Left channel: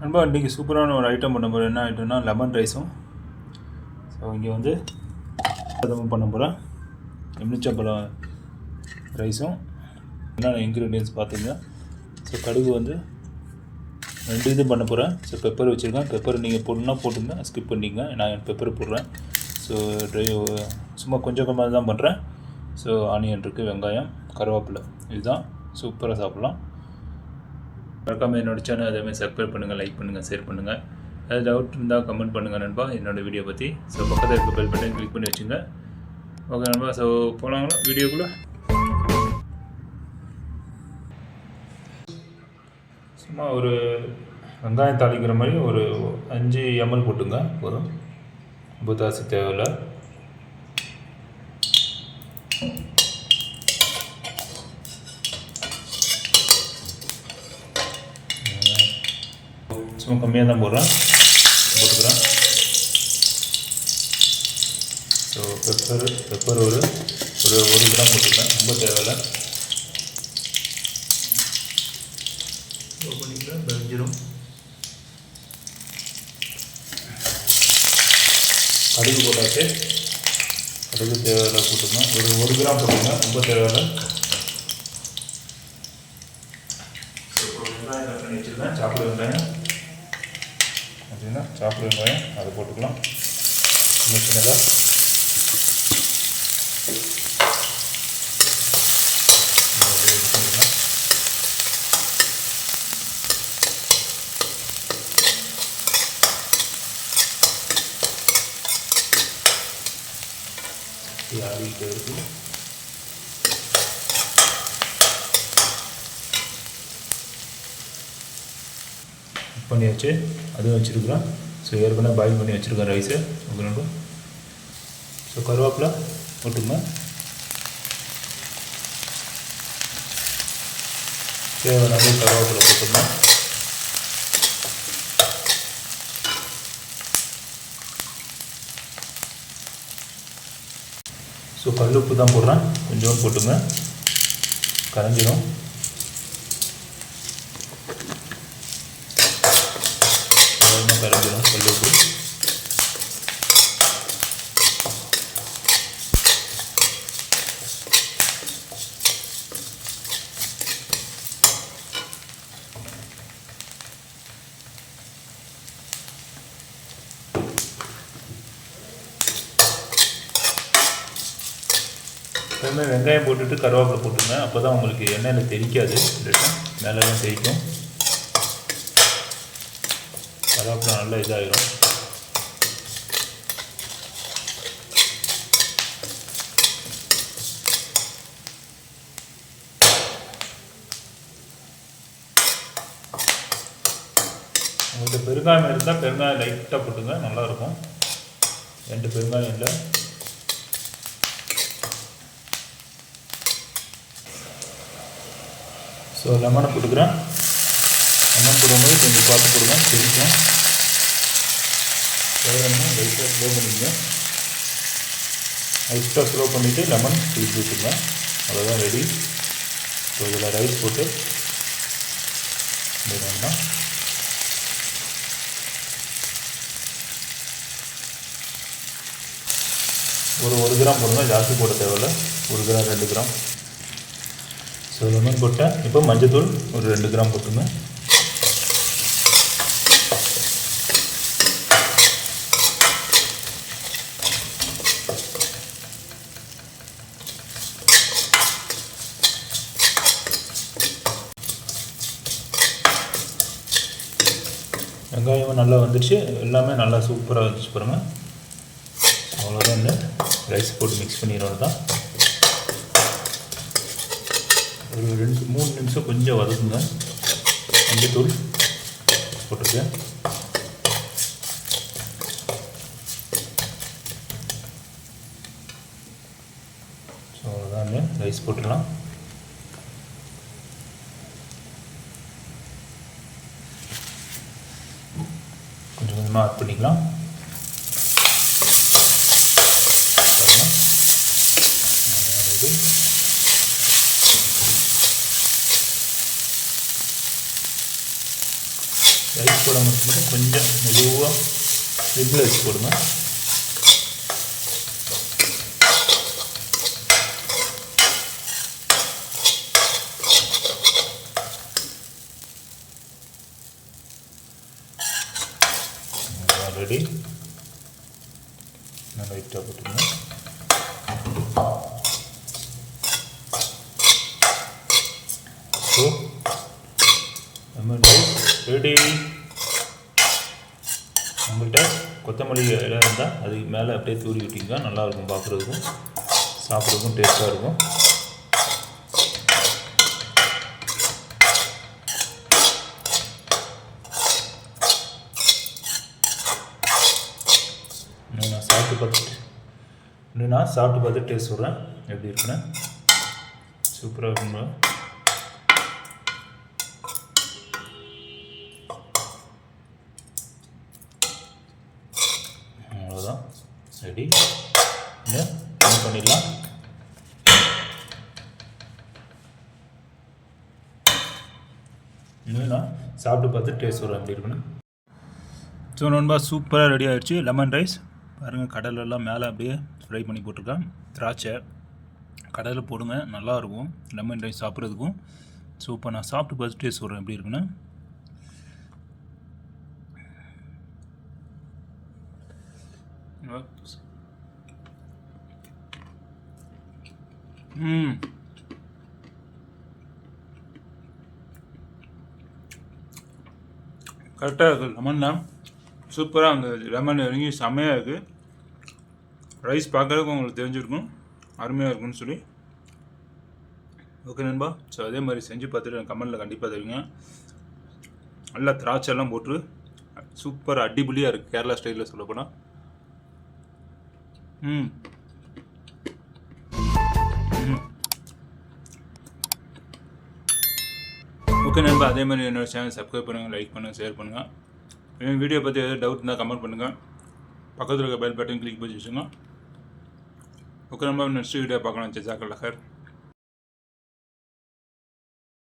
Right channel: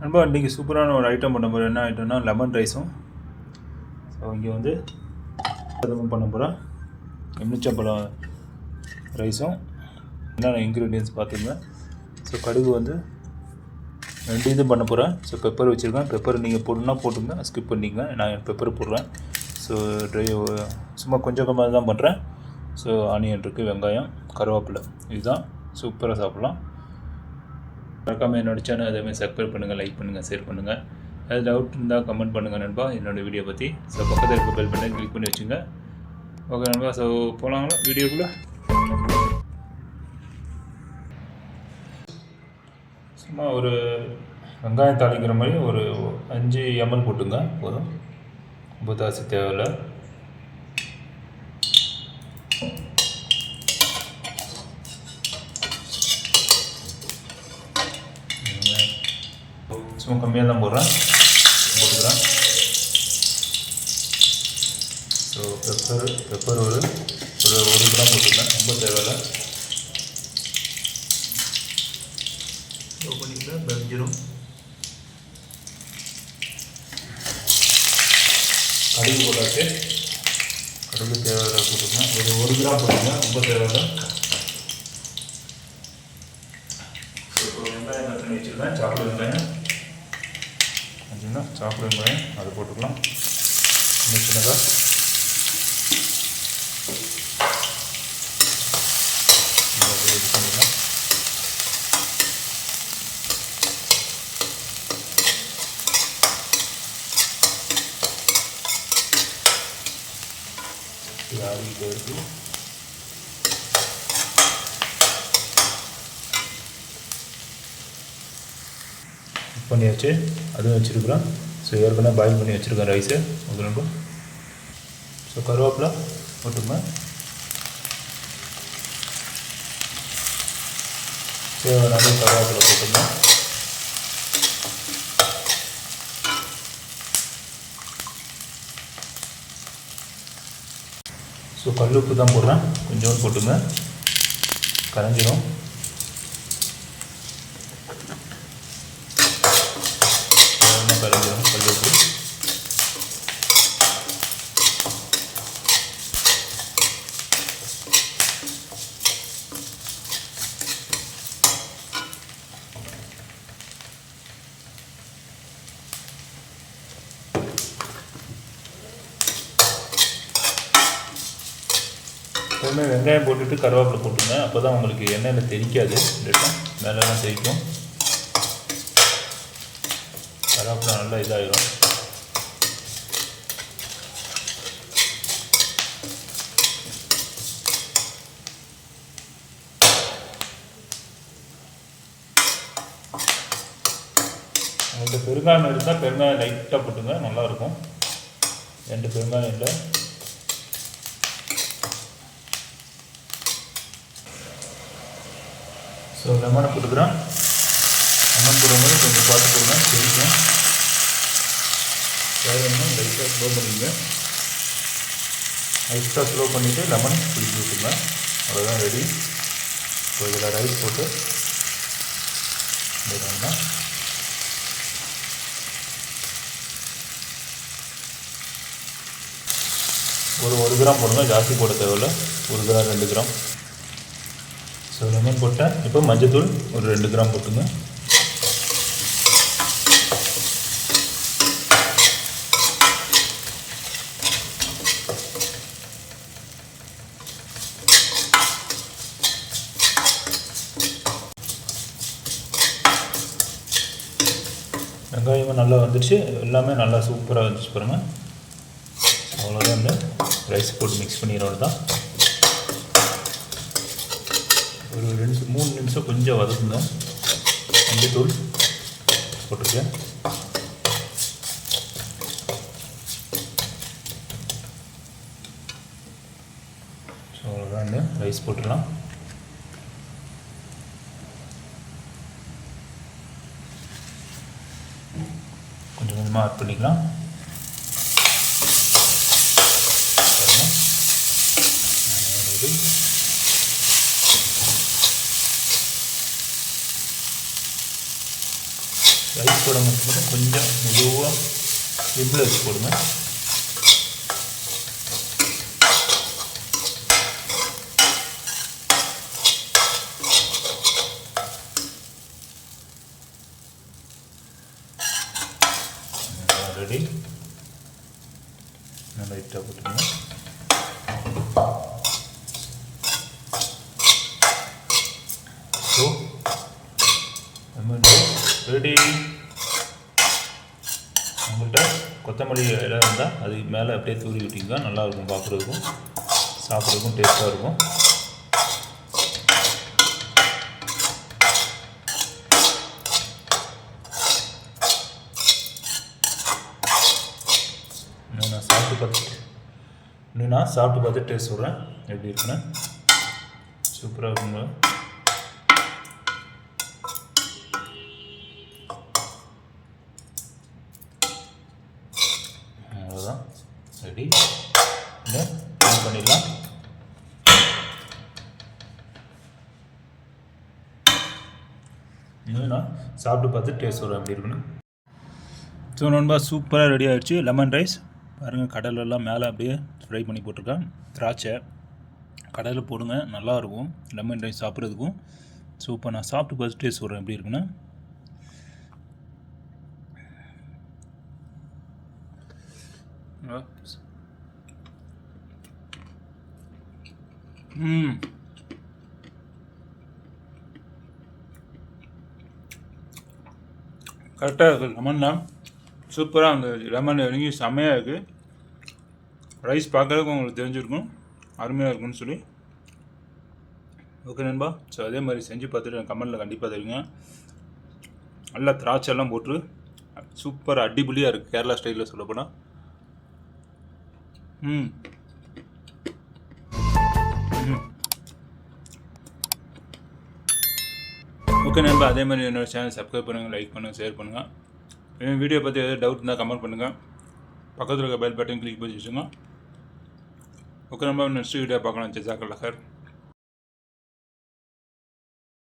நண்பா இன்றைக்கி சூப்பரான ஒரு ஐட்டம் பண்ண போகிறேன் என்ன ஐட்டம்னா லெமன் ரைஸும் ஸோ இங்கே வந்து அதுவும் பண்ண போகிறேன் எம்னிச்சப்பழம் ரைஸும் என்னென்ன இன்க்ரீடியன்ஸ் பார்த்துங்க ஸோ கடுகு வந்து ரெண்டு இது பண்ண போகிறேன் ஸோ பெப்பர் வச்சுருக்கேன். பெப்பர் நீங்கள் போடணுன்னா போட்டுங்க ஸ்கிப் பண்ணிங்க நான் பெப்பர் போடுறேன். ஸோ ட்ரை சும்மா கொஞ்சம் கொஞ்சமாக தான் பண்ணுறேன் ஸோ ஆனியன் இருக்குது வெங்காயம் கருவேப்பிலை. இதுதான். சூப்பராக சாப்பிட்லாம். மறக்காமல் என்னோடய சேனல் அதேமாதிரி சப்ஸ்கிரைப் பண்ணுங்கள் லைக் பண்ணுங்கள் ஷேர் பண்ணுங்கள் ஏதாவது டவுட் இருந்தால் கமெண்ட் பண்ணுங்கள் நண்பா. என்னோடய வீடியோ பற்றி ஸோ பக்கத்தில் இருக்க பெல் பட்டன் கிளிக் பண்ணி வச்சுங்க. ஓகே நண்பா. ஸோ போகலாங்களா வீடியோக்குள்ளே சும்மா ஒரு வெங்காயம் தாளிக்கிற மாதிரி ஒரு அஞ்சு எம்எல் போட்டுங்க. போதும். புதாசி தேவையில்லை. சும்மா கம்மியாக தான் போடுறேன் போட்டுக்கிறேன் ஸோ பெப்பர் பெப்பர் ஒரு ஒரு ஒரு கிராம் போட்டுக்கிறேன் ரொம்ப தேவையில்லை பண்ணிக்கிறேன் பெஞ்சிரும் கடுகு போட்டாச்சு கடுகு தேவையில்லை போட்டுங்க ஒரு ஒரு கிராம் போட்டுங்க ரொம்ப தேவையில்லை சாப்பிடு வெங்காயம் அப்படின்னா சாப்பிடு வெங்காயம் அதை போட்டுக்கலாம். சின்ன சின்னதாக இதை அப்படியே இது பண்ணிக்கலாம் இது ஆறிக்கிட்டே இருக்கு குக் பண்ணியாச்சு. அதுவும் வச்சுருக்குறோம் ஸோ ஏற்கனவே பாயில் பண்ணி வச்சுருக்கேன் ரைஸு ஓகே ஸோ கருவேப்பிலை போட்டுங்க தேவையான அளவு கருவேப்பிலை போட்டுங்க ஸோ கல் உப்பு தான் போடுறேன். கொஞ்சோண்டு போட்டுங்க கரைஞ்சிடும் வேகமாக கரைஞ்சிரும் கல் உப்பு வெங்காயம் போட்டுட்டு கருவேப்பிலை போட்டுங்க. அப்போ தான் உங்களுக்கு எண்ணெயில் தெரிக்காது மேலே தான் தெரிக்கும் கருவேப்பிலை நல்லா இதாகிடும் உங்கள்கிட்ட பெருங்காயம் இருந்தால் பெருங்காயம் லைட்டாக போட்டுங்க நல்லாயிருக்கும். ரெண்டு பெருங்காயம் இல்லை. ஸோ லெமனை போட்டுக்கிறேன். லெமன் போடும்போது கொஞ்சம் பார்த்து போடுங்க தெரிக்கும் வேகணும் லைட்டாக ஸ்லோ பண்ணிக்கங்க. லைட்டாக ஸ்லோ பண்ணிவிட்டு லெமன் பிடிச்சி விட்டுருங்க. அவ்வளோதான் ரெடி ஸோ இதில் ரைஸ் போட்டு வேண்டாம் ஒரு ஒரு கிராம் போடுங்க. ஜாஸ்தி போட தேவையில்ல. ஒரு கிராம் ரெண்டு கிராம். ஸோ லெமன் போட்டேன். இப்போ மஞ்சத்தூள் ஒரு ரெண்டு கிராம் போட்டுங்க. வெங்காயமும் நல்லா வந்துடுச்சு எல்லாமே நல்லா சூப்பராக வந்துச்சு பாருங்கள் அவ்வளோதான் ரைஸ் போட்டு மிக்ஸ் பண்ணிடுறது தான் ஒரு ரெண்டு மூணு நிமிஷம் கொஞ்சம் வதக்குங்க. மஞ்சத்தூள் போட்டிருக்கேன். ஸோ அவ்வளோதான் ரைஸ் போட்டுடலாம். கொஞ்சம் கொஞ்சமாக ஆட் பண்ணிக்கலாம். ரைஸ் போட மட்டும் கொஞ்சம் மெதுவாக சிம்மில் வச்சு போடுங்க ரெடி நல்லா லைட்டாக போட்டுருங்க ஸோ லெமன் ரெடி உங்கள்கிட்ட கொத்தமல்லி இலை இருந்தால் அது மேலே அப்படியே தூரி விட்டிங்க நல்லாயிருக்கும் பார்க்குறதுக்கும் சாப்பிட்றதுக்கும் டேஸ்ட்டாக இருக்கும். இன்னும் நான் சாப்பிட்டு பார்த்துட்டு இன்னும் நான் சாப்பிட்டு பார்த்து டேஸ்ட் சொல்கிறேன் எப்படி இருக்குன்னு. சூப்பராக இருக்குங்க அவ்வளோதான் ரெடி இன்னும் பண்ணிடலாம். இன்னும் நான் சாப்பிட்டு பார்த்து டேஸ்ட் சொல்கிறேன் எப்படி இருக்குன்னு. ஸோ நண்பா சூப்பராக ரெடி ஆகிடுச்சு லெமன் ரைஸ் பாருங்கள் கடலெல்லாம் மேலே அப்படியே ஃப்ரை பண்ணி போட்டிருக்கேன். திராட்சை கடலில் போடுங்க நல்லாயிருக்கும் லெமன் ரைஸ் சாப்பிட்றதுக்கும் ஸோ இப்போ நான் சாப்பிட்டு பார்த்து டேஸ்ட் சொல்கிறேன் எப்படி இருக்குன்னா. ம். கரெக்டாக இருக்குது லெமன்லாம் சூப்பராக அந்த லெமன் இறங்கி செம்மையாக இருக்குது ரைஸ் பார்க்குறதுக்கு உங்களுக்கு தெரிஞ்சிருக்கும். அருமையாக இருக்கும்னு சொல்லி. ஓகே நண்பா. ஸோ அதே மாதிரி செஞ்சு பார்த்துட்டு கமெண்டில் கண்டிப்பாக தெரியுங்க நல்லா திராட்சைலாம் போட்டு சூப்பர் அடிபுலியாக இருக்குது கேரளா ஸ்டைலில் சொல்லப்போனால் ம். ம். ஓகே நண்பா. அதே மாதிரி என்னோடய சேனல் சப்ஸ்கிரைப் பண்ணுங்கள் லைக் பண்ணுங்கள் ஷேர் பண்ணுங்கள் என் வீடியோ பற்றி எதாவது டவுட் இருந்தால் கமெண்ட் பண்ணுங்கள் பக்கத்தில் இருக்க பெல் பட்டன் கிளிக் பண்ணி வச்சுங்க ஓகே நம்ம நெக்ஸ்ட் வீடியோ பார்க்கலாம். ஜெசாக்கல் லஹர்.